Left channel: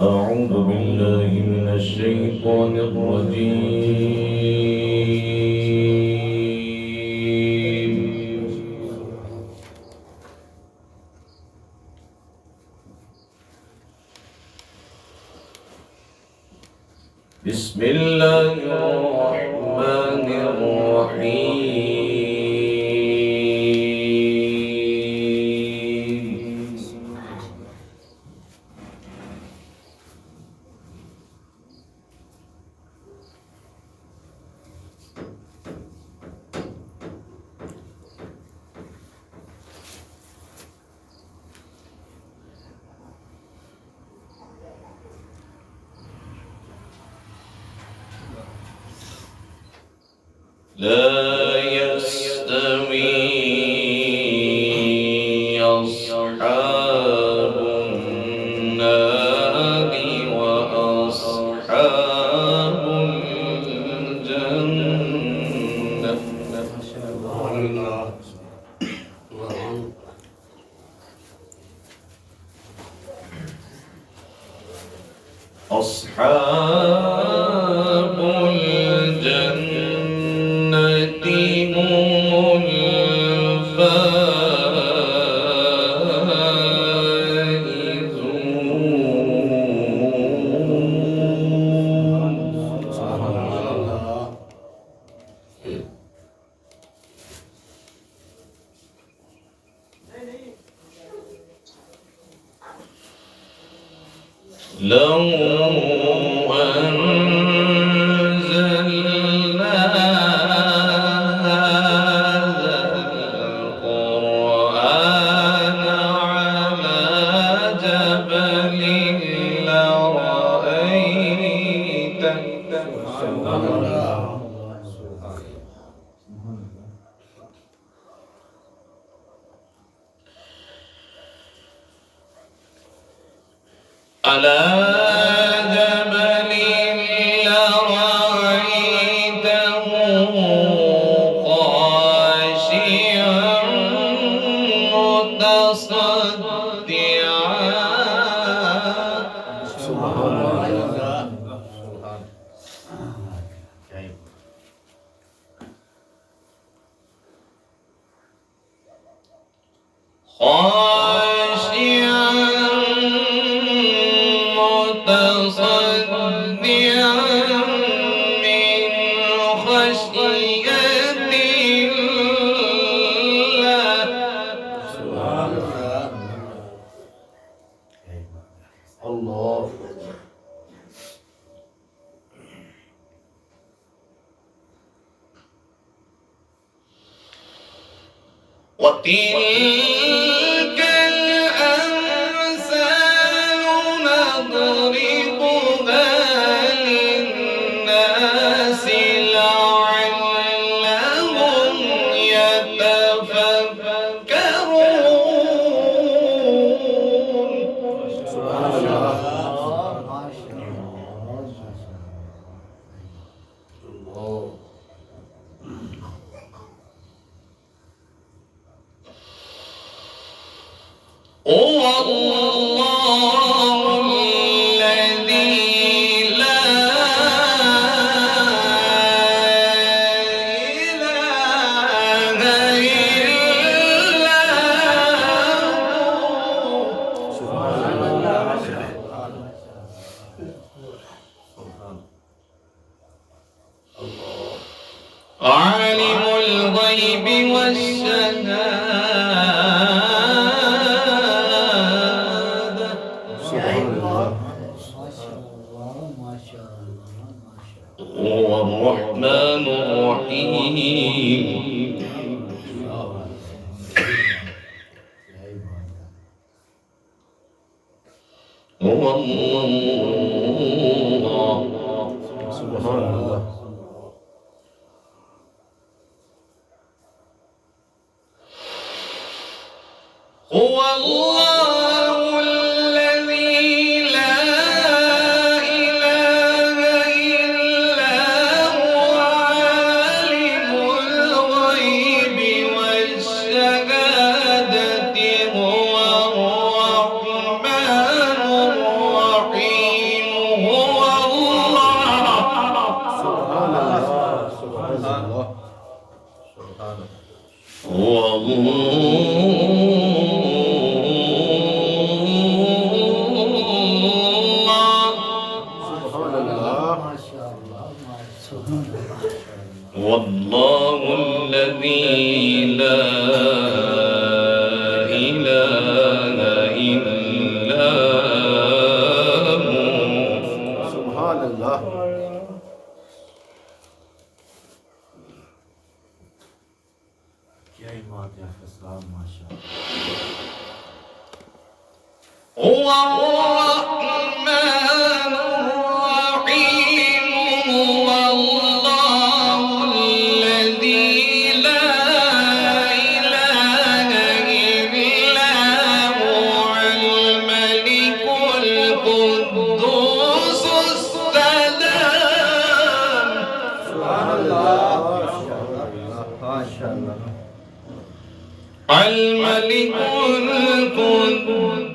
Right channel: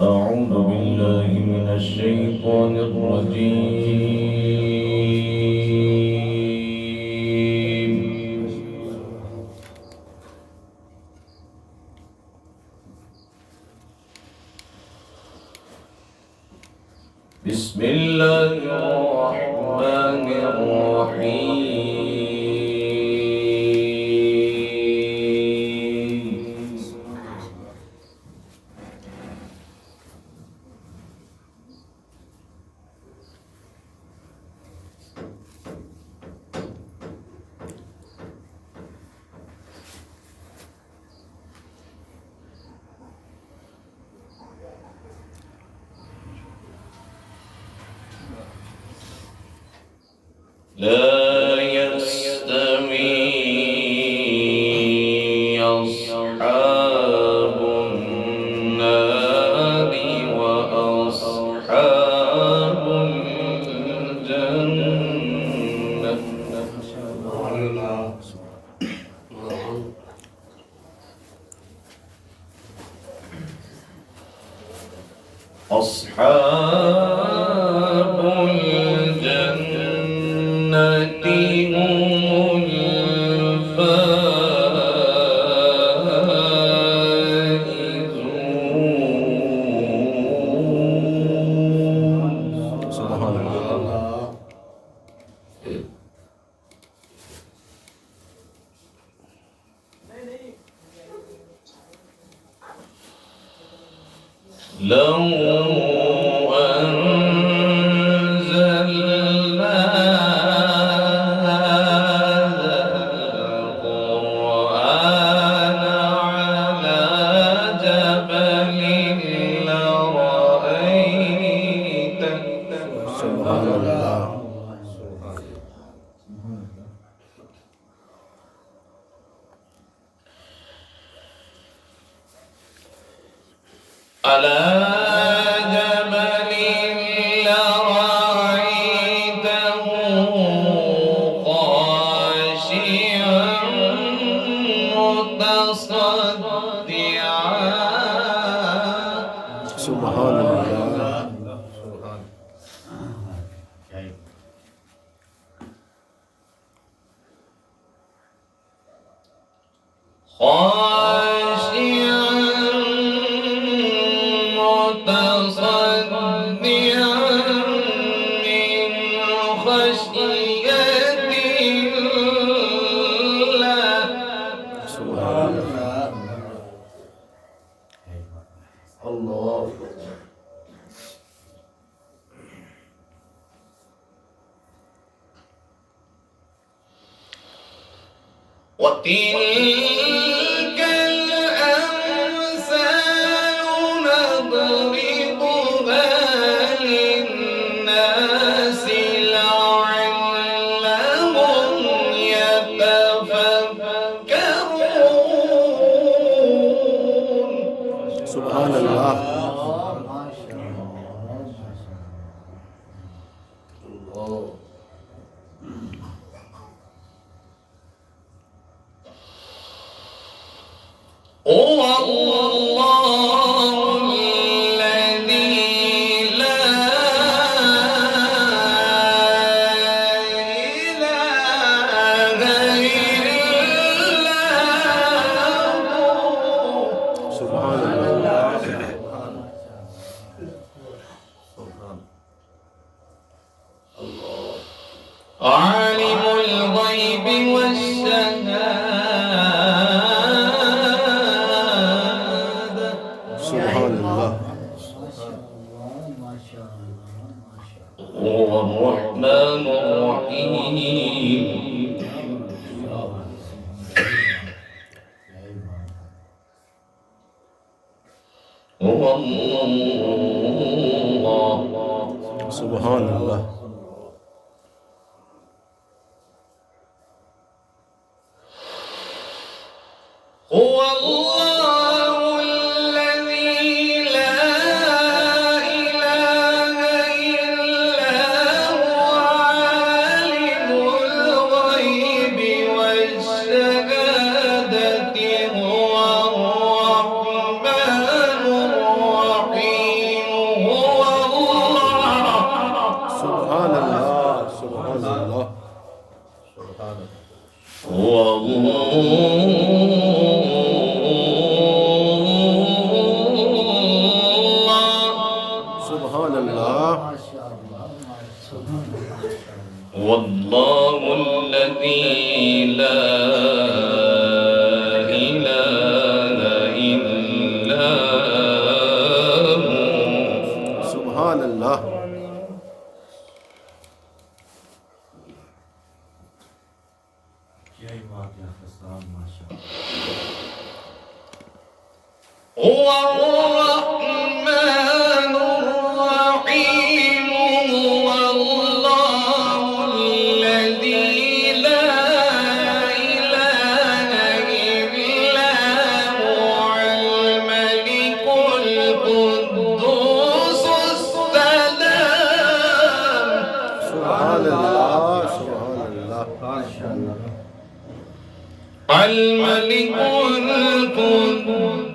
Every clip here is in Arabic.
أعوذ بالله من الشيطان الرجيم. بسم الله الرحمن الرحيم. لا يستوي أصحاب النار وأصحاب الجنة. أصحاب الجنة هم الفائزون. سبحان الله. لو أنزلنا هذا القرآن على جبل لرأيته. سبحان الله. على جبل لرأيته خاشعا متصدعا. سبحان الله. خاشعا متصدعا من خشية الله. سبحان الله. وتلك الأمثال نضربها للناس لعلهم يتفكرون. سبحان الله. هو الله الذي لا إله إلا هو. سبحان الله. عالم الغيب والشهادة. هو الرحمن الرحيم. هو الله. سبحان الله. هو الله الذي لا إله إلا هو عالم الغيب والشهادة. هو الرحمن الرحيم. الرحمن الرحيم هو الله الذي لا إله إلا هو الملك القدوس السلام. سبحان الله ما شاء الله. الملك القدوس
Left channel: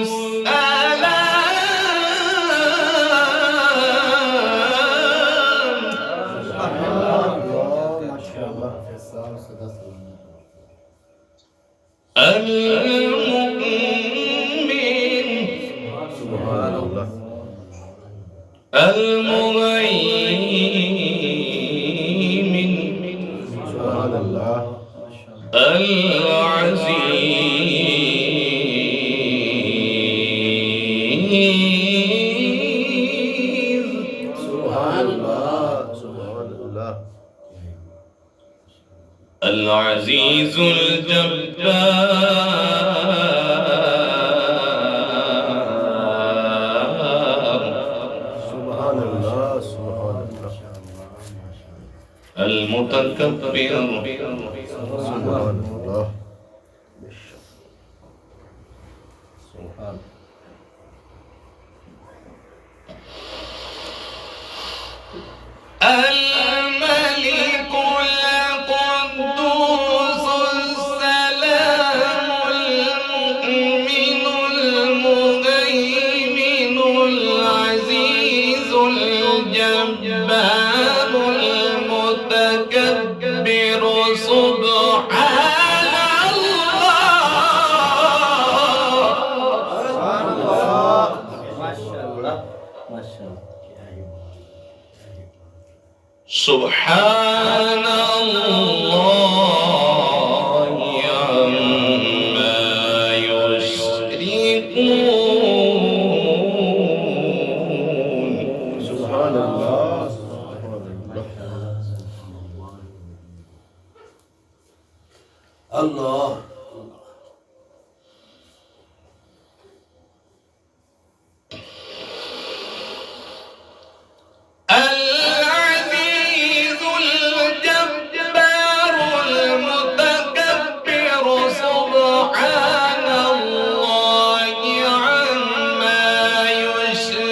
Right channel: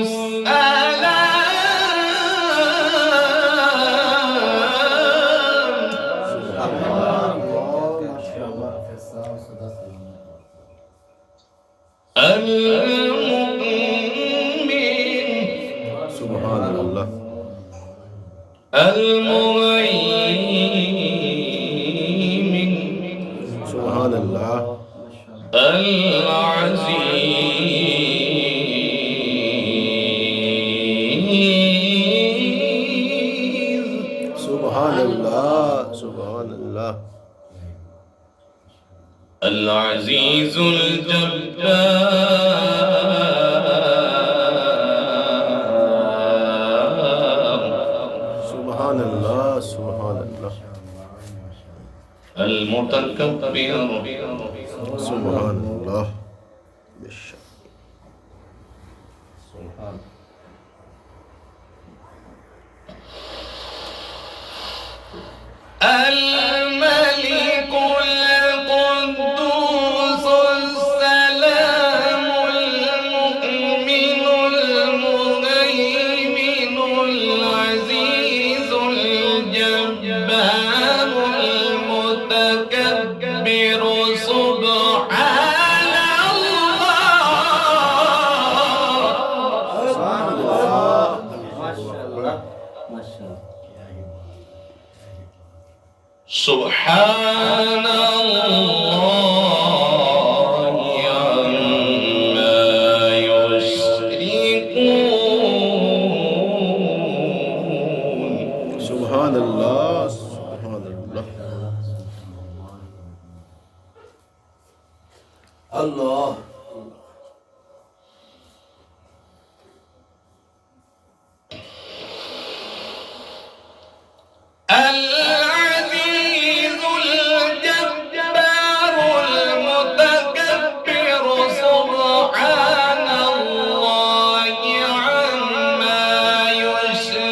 السلام المؤمن سبحان الله المهيمن سبحان الله العزيز سبحان الله سبحان الله العزيز الجبار سبحان الله سبحان الله المتكبر سبحان الله سبحان الملك القدوس السلام المؤمن المهيمن العزيز الجبار المتكبر سبحان الله. ما شاء الله ما شاء الله. سبحان الله عما يشركون. سبحان الله سبحان الله الله العزيز الجبار المتكبر سبحان الله عما يشركون.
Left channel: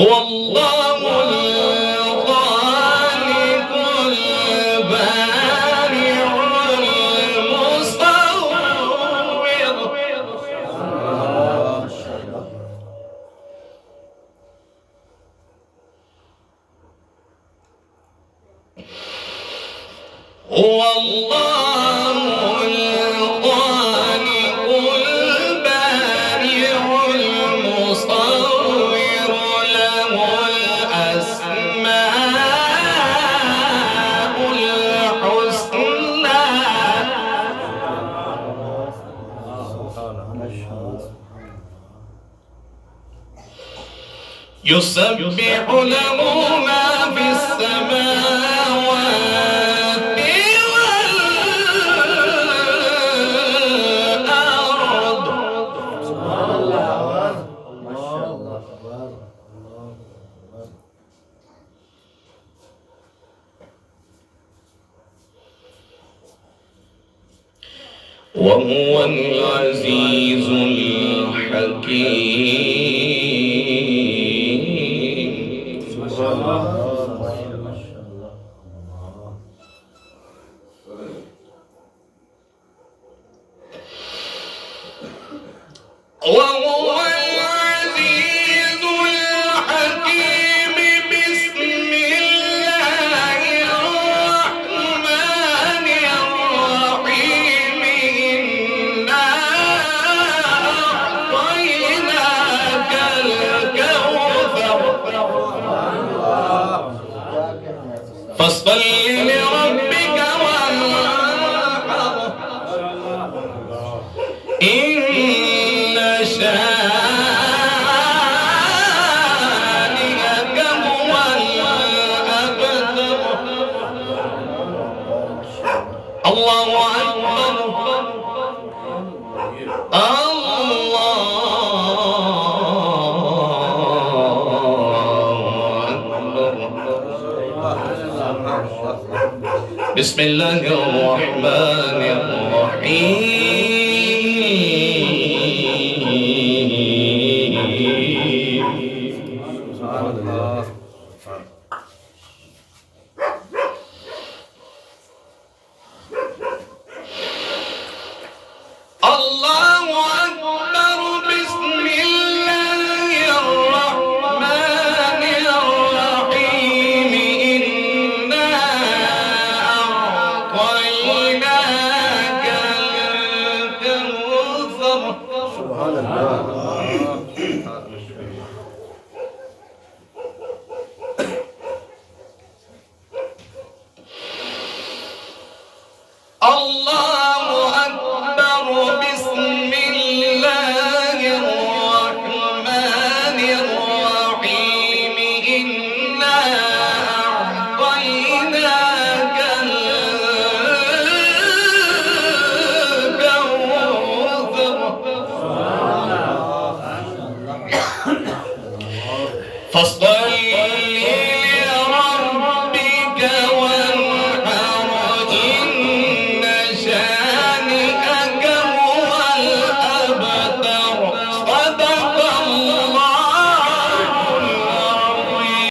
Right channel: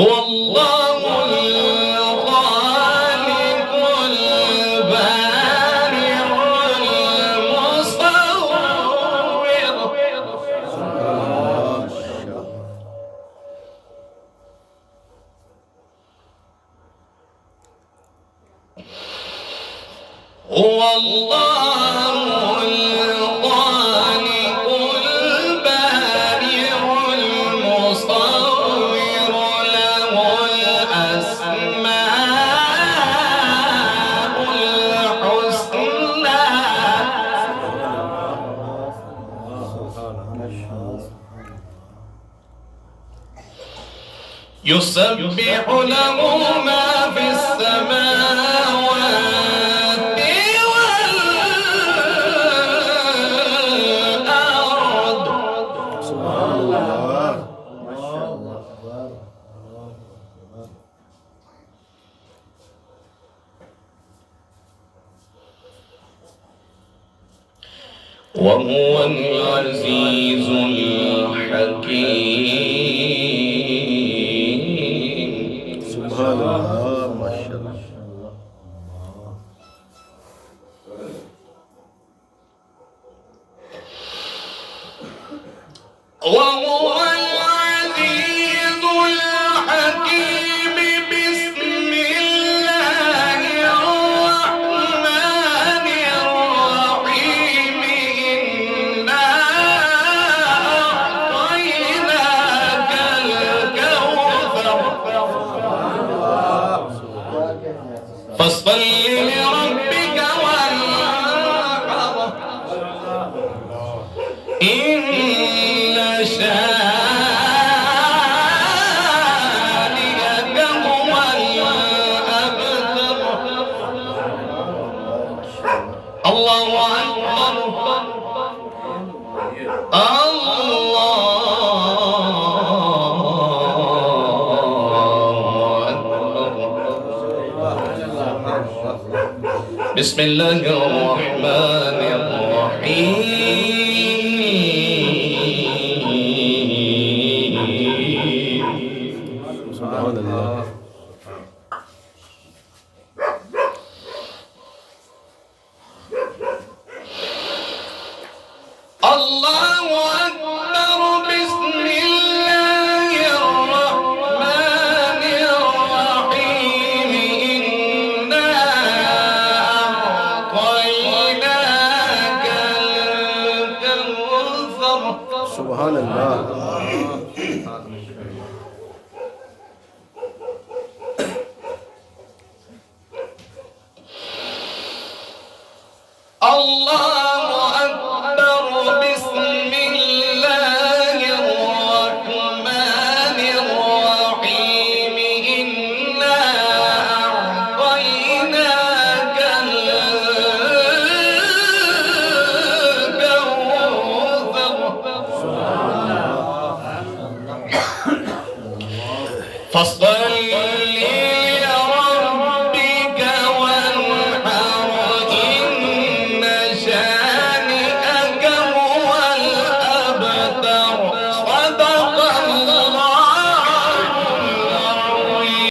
هو الله الخالق البارئ المصور. هو الله الخالق البارئ المصور له الأسماء الحسنى. يسبح له ما في السماوات والأرض. سبحان الله ما شاء الله. وهو العزيز الحكيم. سبحان الله ما شاء الله. وهو العزيز الحكيم. بسم الله الرحمن الرحيم. إنا أعطيناك الكوثر فاصل لربك وانحر. إن شانئك الله أكبر بسم الله الرحمن الرحيم سبحان الله الله أكبر بسم الله الرحمن الرحيم إنا أعطيناك الكوثر سبحان الله الله أكبر بسم الله الرحمن الرحيم إنا أعطيناك الكوثر فاصل